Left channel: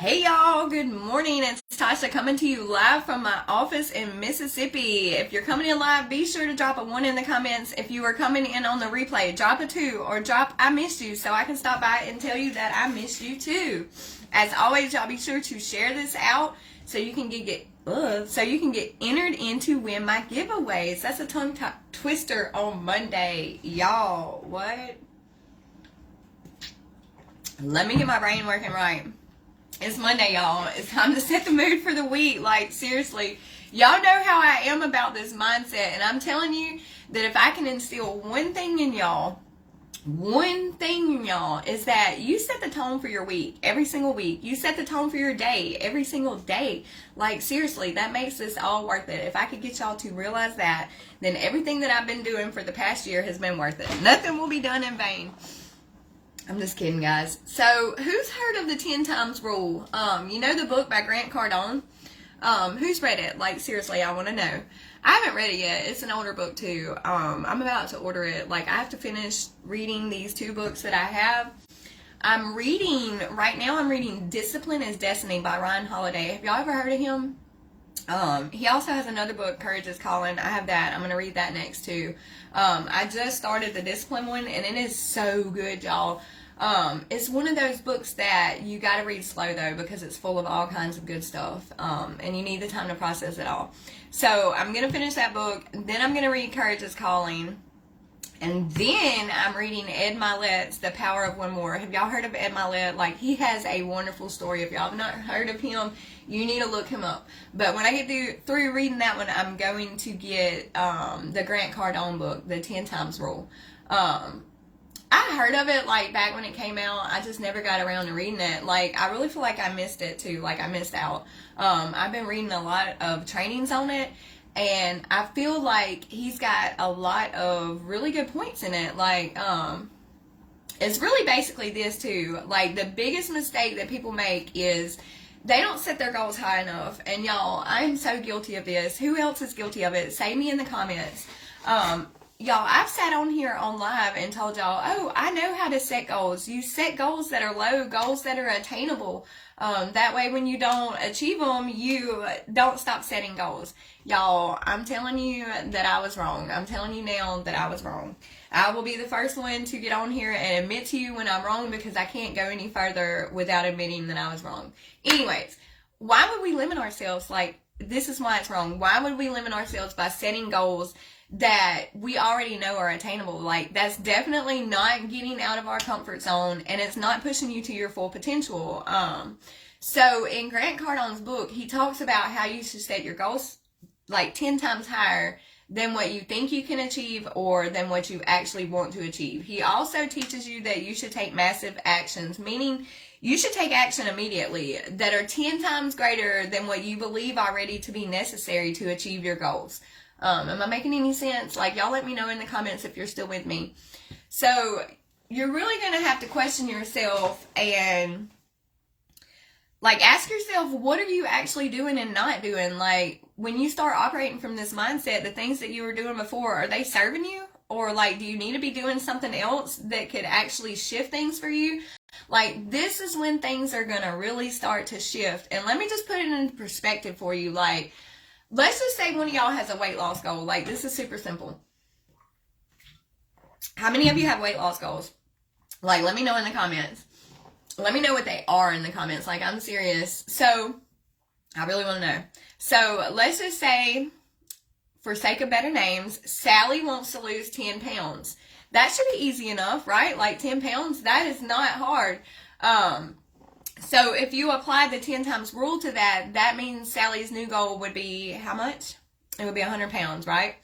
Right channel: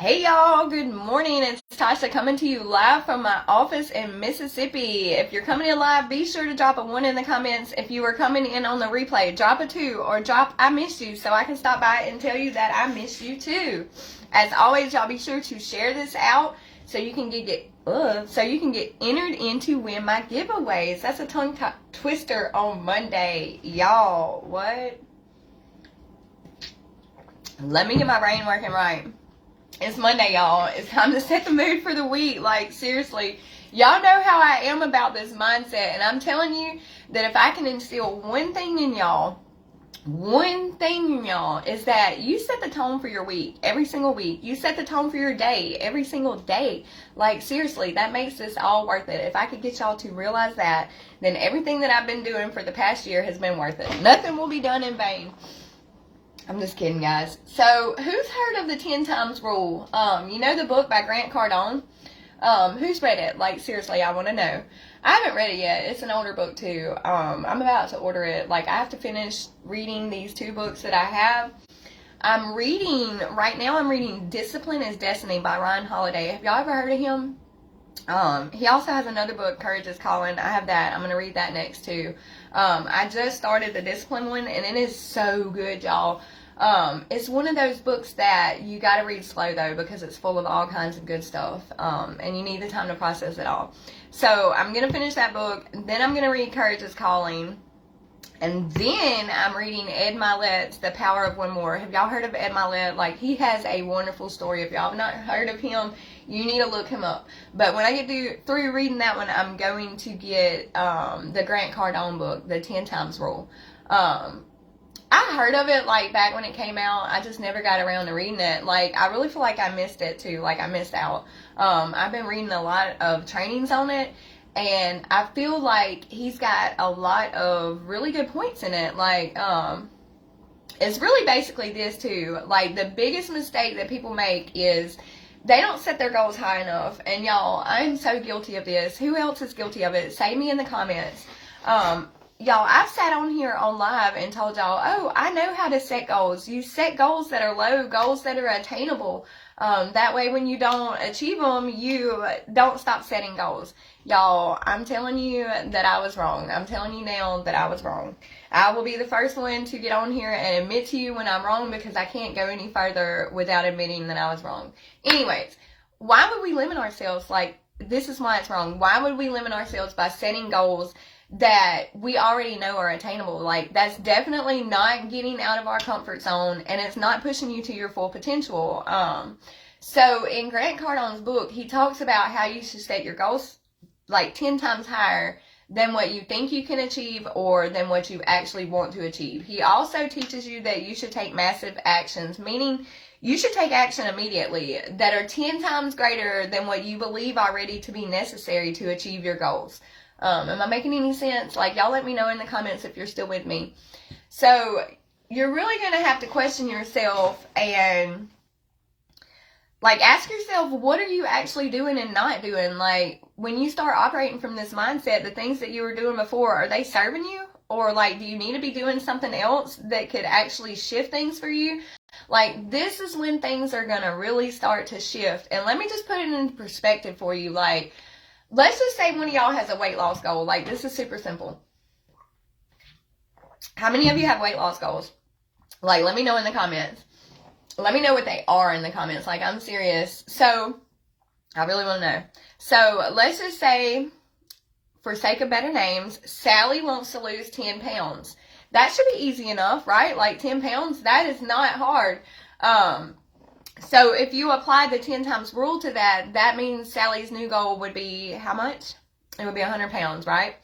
Hey y'all, good morning. It's Tasha coming to you live from my office in Mississippi. If you're coming in live, be sure to drop a 1 in the comments. If you are coming in on the replay, drop a 2 or drop I missed you so I can stop by and tell you that I missed you too. As always, y'all be sure to share this out so you can get entered in to win my giveaways. That's a tongue twister on Monday. Y'all, what? Let me get my brain working right. It's Monday, y'all. It's time to set the mood for the week. Like, seriously. Y'all know how I am about this mindset. And I'm telling you that if I can instill one thing in y'all, is that you set the tone for your week every single week. You set the tone for your day every single day. Like, seriously, that makes this all worth it. If I could get y'all to realize that, then everything that I've been doing for the past year has been worth it. Nothing will be done in vain. I'm just kidding, guys. So, who's heard of the 10 times rule? You know the book by Grant Cardone? Who's read it? Like, seriously, I want to know. I haven't read it yet. It's an older book, too. I'm about to order it. Like, I have to finish reading these 2 books that I have. Right now I'm reading Discipline is Destiny by Ryan Holiday. Have y'all ever heard of him? He also has another book, Courage is Calling. I have that. I'm going to read that next, too. I just started the Discipline one, and it is so good, y'all. It's one of those books that you got to read slow, though, because it's full of all kinds of good stuff, and you need the time to process it all. So I'm going to finish that book, then I'm going to read Courage is Calling, and then I'm reading Ed Milet's The Power of One More. Have y'all heard of Ed Milet? Like, he has a wonderful story. If y'all have not heard of him, you need to look him up. But when I get through reading that one, I'm going to get the Grant Cardone book, The 10 Times Rule. I heard of it, like, back when it came out. I just never got around to reading it. Like, I really feel like I missed it, too. Like, I missed out. I've been reading a lot of trainings on it, and I feel like he's got a lot of really good points in it. Like, it's really basically this, too. Like, the biggest mistake that people make is they don't set their goals high enough. And, y'all, I'm so guilty of this. Who else is guilty of it? Say me in the comments. Y'all, I've sat on here on live and told y'all, oh, I know how to set goals. You set goals that are low, goals that are attainable. That way when you don't achieve them, you don't stop setting goals. Y'all, I'm telling you that I was wrong. I'm telling you now that I was wrong. I will be the first one to get on here and admit to you when I'm wrong, because I can't go any further without admitting that I was wrong. Anyways, why would we limit ourselves? Like, this is why it's wrong. Why would we limit ourselves by setting goals that we already know are attainable? Like, that's definitely not getting out of our comfort zone, and it's not pushing you to your full potential. So in Grant Cardone's book, he talks about how you should set your goals like 10 times higher than what you think you can achieve or than what you actually want to achieve. He also teaches you that you should take massive actions, meaning you should take action immediately that are 10 times greater than what you believe already to be necessary to achieve your goals. Am I making any sense? Like, y'all let me know in the comments if you're still with me. So, you're really going to have to question yourself and, like, ask yourself, what are you actually doing and not doing? Like, when you start operating from this mindset, the things that you were doing before, are they serving you? Or, like, do you need to be doing something else that could actually shift things for you? Like, this is when things are going to really start to shift. And let me just put it in perspective for you. Like, let's just say one of y'all has a weight loss goal. Like, this is super simple. How many of you have weight loss goals? Like, let me know in the comments. Let me know what they are in the comments. Like, I'm serious. So, I really want to know. So, let's just say, for sake of better names, Sally wants to lose 10 pounds. That should be easy enough, right? Like, 10 pounds, that is not hard. So if you apply the 10 times rule to that, that means Sally's new goal would be how much? It would be 100 pounds, right?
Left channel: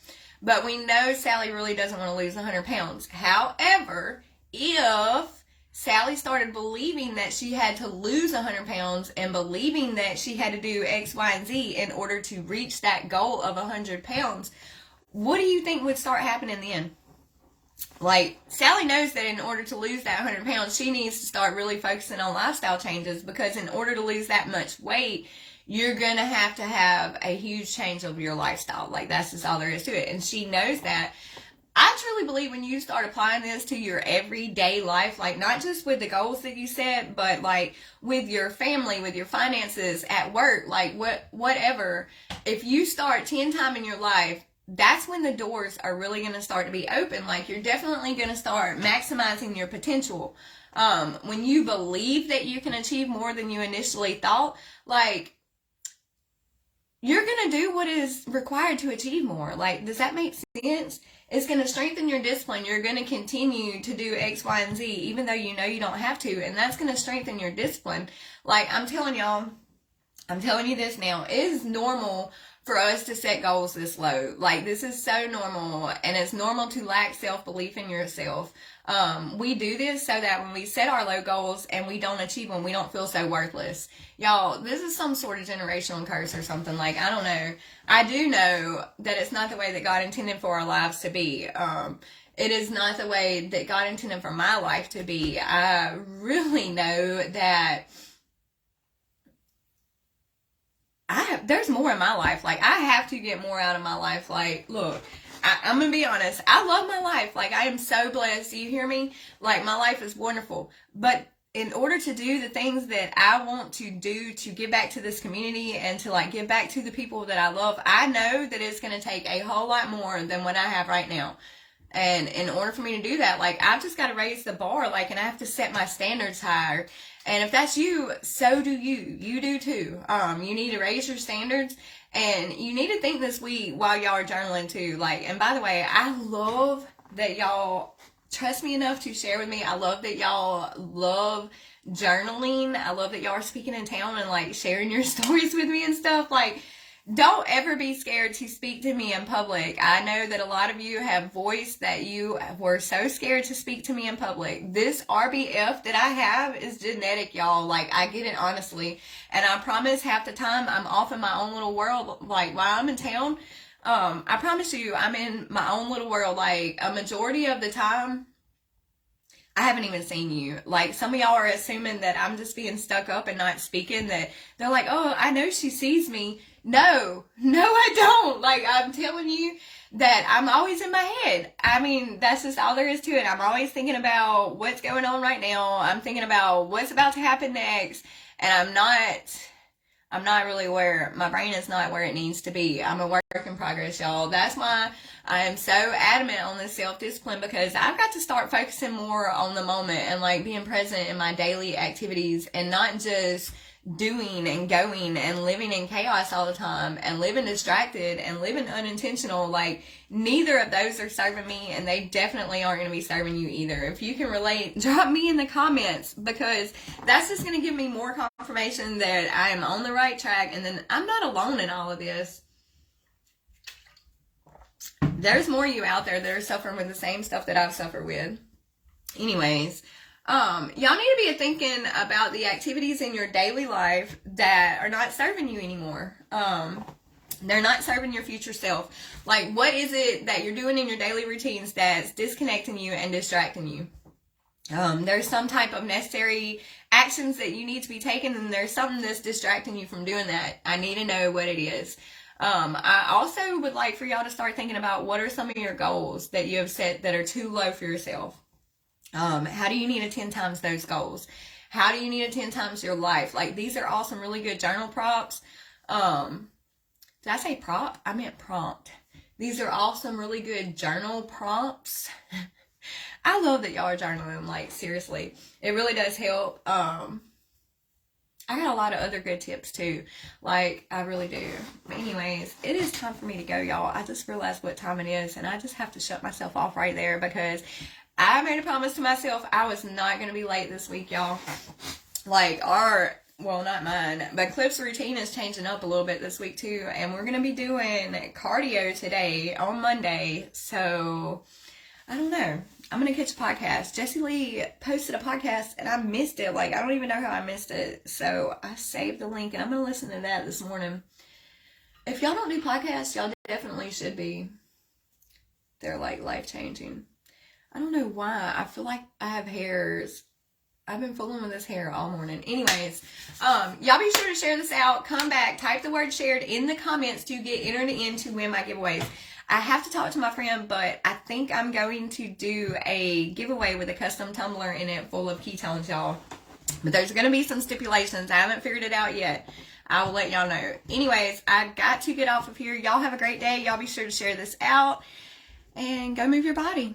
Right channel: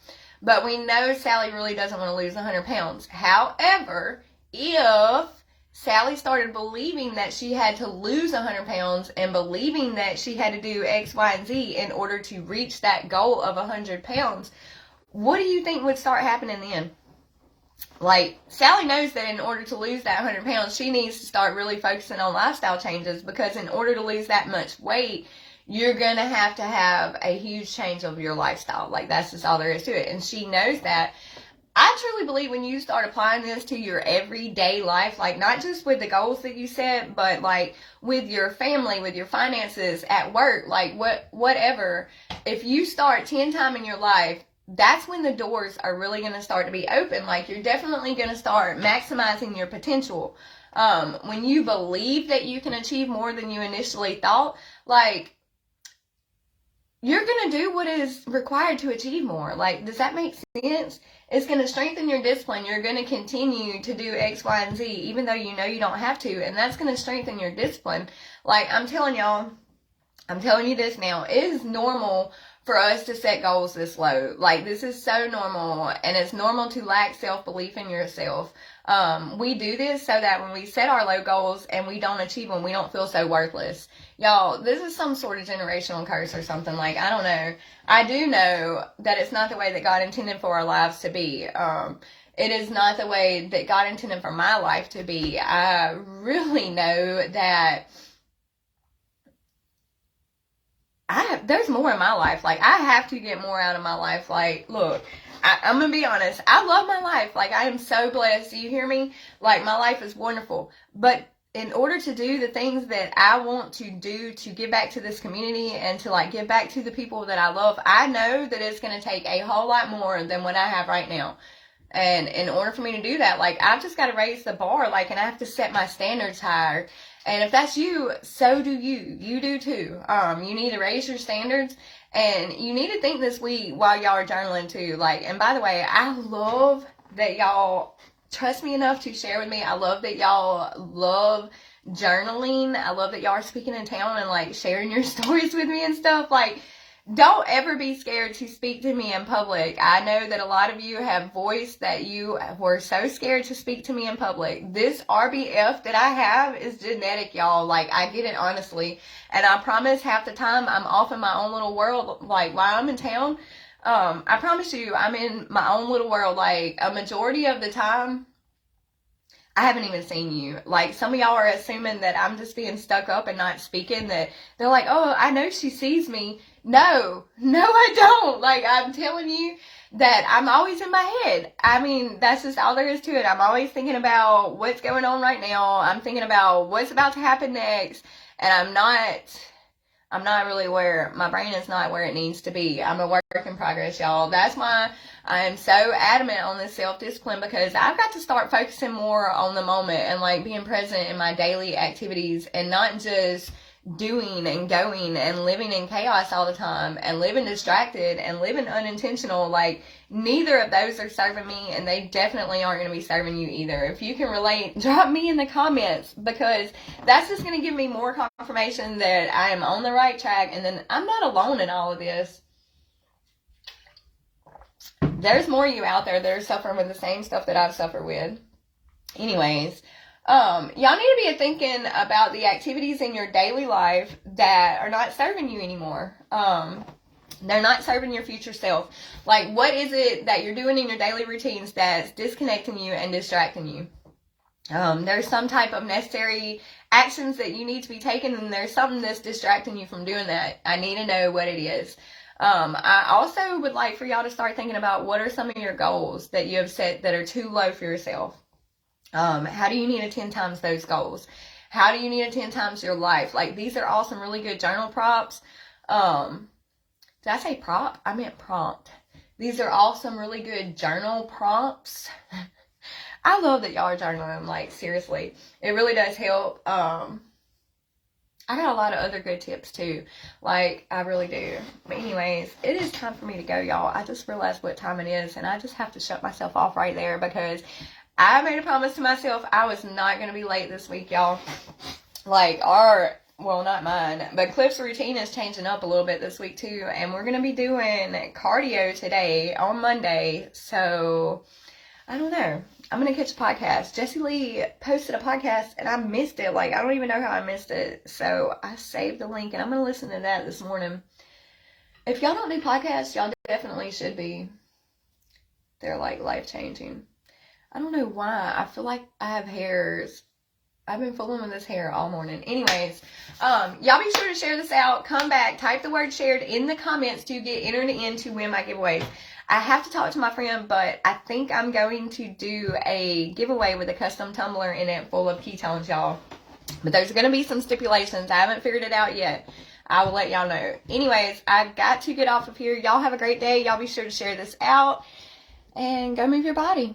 But we know Sally really doesn't want to lose 100 pounds. However, if Sally started believing that she had to lose 100 pounds and believing that she had to do X, Y, and Z in order to reach that goal of 100 pounds, what do you think would start happening then? Like, Sally knows that in order to lose that 100 pounds, she needs to start really focusing on lifestyle changes, because in order to lose that much weight, you're going to have a huge change of your lifestyle. Like, that's just all there is to it. And she knows that. I truly believe when you start applying this to your everyday life, like not just with the goals that you set, but like with your family, with your finances, at work, like whatever, if you start 10 times in your life, that's when the doors are really going to start to be open. Like you're definitely going to start maximizing your potential. When you believe that you can achieve more than you initially thought, like you're going to do what is required to achieve more. Like, does that make sense? It's going to strengthen your discipline. You're going to continue to do X, Y, and Z, even though you know you don't have to. And that's going to strengthen your discipline. Like, I'm telling you this now. It is normal for us to set goals this low. Like, this is so normal. And it's normal to lack self-belief in yourself. We do this so that when we set our low goals and we don't achieve them, we don't feel so worthless. Y'all, this is some sort of generational curse or something. Like, I don't know. I do know that it's not the way that God intended for our lives to be. It is not the way that God intended for my life to be. I really know that there's more in my life. Like, I have to get more out of my life. Like, look, I'm gonna be honest. I love my life. Like, I am so blessed. Do you hear me? Like, my life is wonderful. But in order to do the things that I want to do to give back to this community and to like give back to the people that I love, I know that it's gonna take a whole lot more than what I have right now. And in order for me to do that, like, I've just got to raise the bar, like, and I have to set my standards higher. And if that's you, so do you. You do too. You need to raise your standards, and you need to think this week while y'all are journaling too. Like, and by the way, I love that y'all trust me enough to share with me. I love that y'all love journaling. I love that y'all are speaking in town and like sharing your stories with me and stuff. Like, don't ever be scared to speak to me in public. I know that a lot of you have voiced that you were so scared to speak to me in public. This RBF that I have is genetic, y'all. Like, I get it honestly. And I promise half the time I'm off in my own little world. Like, while I'm in town, I promise you I'm in my own little world. Like, a majority of the time, I haven't even seen you. Like, some of y'all are assuming that I'm just being stuck up and not speaking, that they're like, oh, I know she sees me. No, I don't. Like, I'm telling you that I'm always in my head. I mean, that's just all there is to it. I'm always thinking about what's going on right now. I'm thinking about what's about to happen next. And I'm not really where, my brain is not where it needs to be. I'm a work in progress, y'all. That's why I am so adamant on this self-discipline, because I've got to start focusing more on the moment and like being present in my daily activities and not just doing and going and living in chaos all the time and living distracted and living unintentional. Like, neither of those are serving me, and they definitely aren't going to be serving you either. If you can relate, drop me in the comments, because that's just going to give me more confirmation that I am on the right track, and then I'm not alone in all of this. There's more of you out there that are suffering with the same stuff that I've suffered with. Anyways, y'all need to be thinking about the activities in your daily life that are not serving you anymore. They're not serving your future self. Like, what is it that you're doing in your daily routines that's disconnecting you and distracting you? There's some type of necessary actions that you need to be taken, and there's something that's distracting you from doing that. I need to know what it is. I also would like for y'all to start thinking about what are some of your goals that you have set that are too low for yourself. How do you need to 10 times those goals? How do you need to 10 times your life? Like, these are all some really good journal prompts. Did I say prop? I meant prompt. These are all some really good journal prompts. I love that y'all are journaling. Like, seriously, it really does help. I got a lot of other good tips too. Like, I really do. But anyways, it is time for me to go, y'all. I just realized what time it is, and I just have to shut myself off right there, because I made a promise to myself I was not going to be late this week, y'all. Like, well, not mine, but Cliff's routine is changing up a little bit this week too, and we're going to be doing cardio today on Monday, so I don't know. I'm going to catch a podcast. Jessie Lee posted a podcast, and I missed it. Like, I don't even know how I missed it, so I saved the link, and I'm going to listen to that this morning. If y'all don't do podcasts, y'all definitely should be. They're, like, life-changing. I don't know why. I feel like I have hairs I've been fooling with this hair all morning. Anyways, y'all be sure to share this out. Come back, type the word shared in the comments to get entered in to win my giveaways. I have to talk to my friend, but I think I'm going to do a giveaway with a custom tumbler in it full of ketones, y'all. But there's going to be some stipulations. I haven't figured it out yet. I will let y'all know. Anyways, I got to get off of here. Y'all have a great day. Y'all be sure to share this out and go move your body.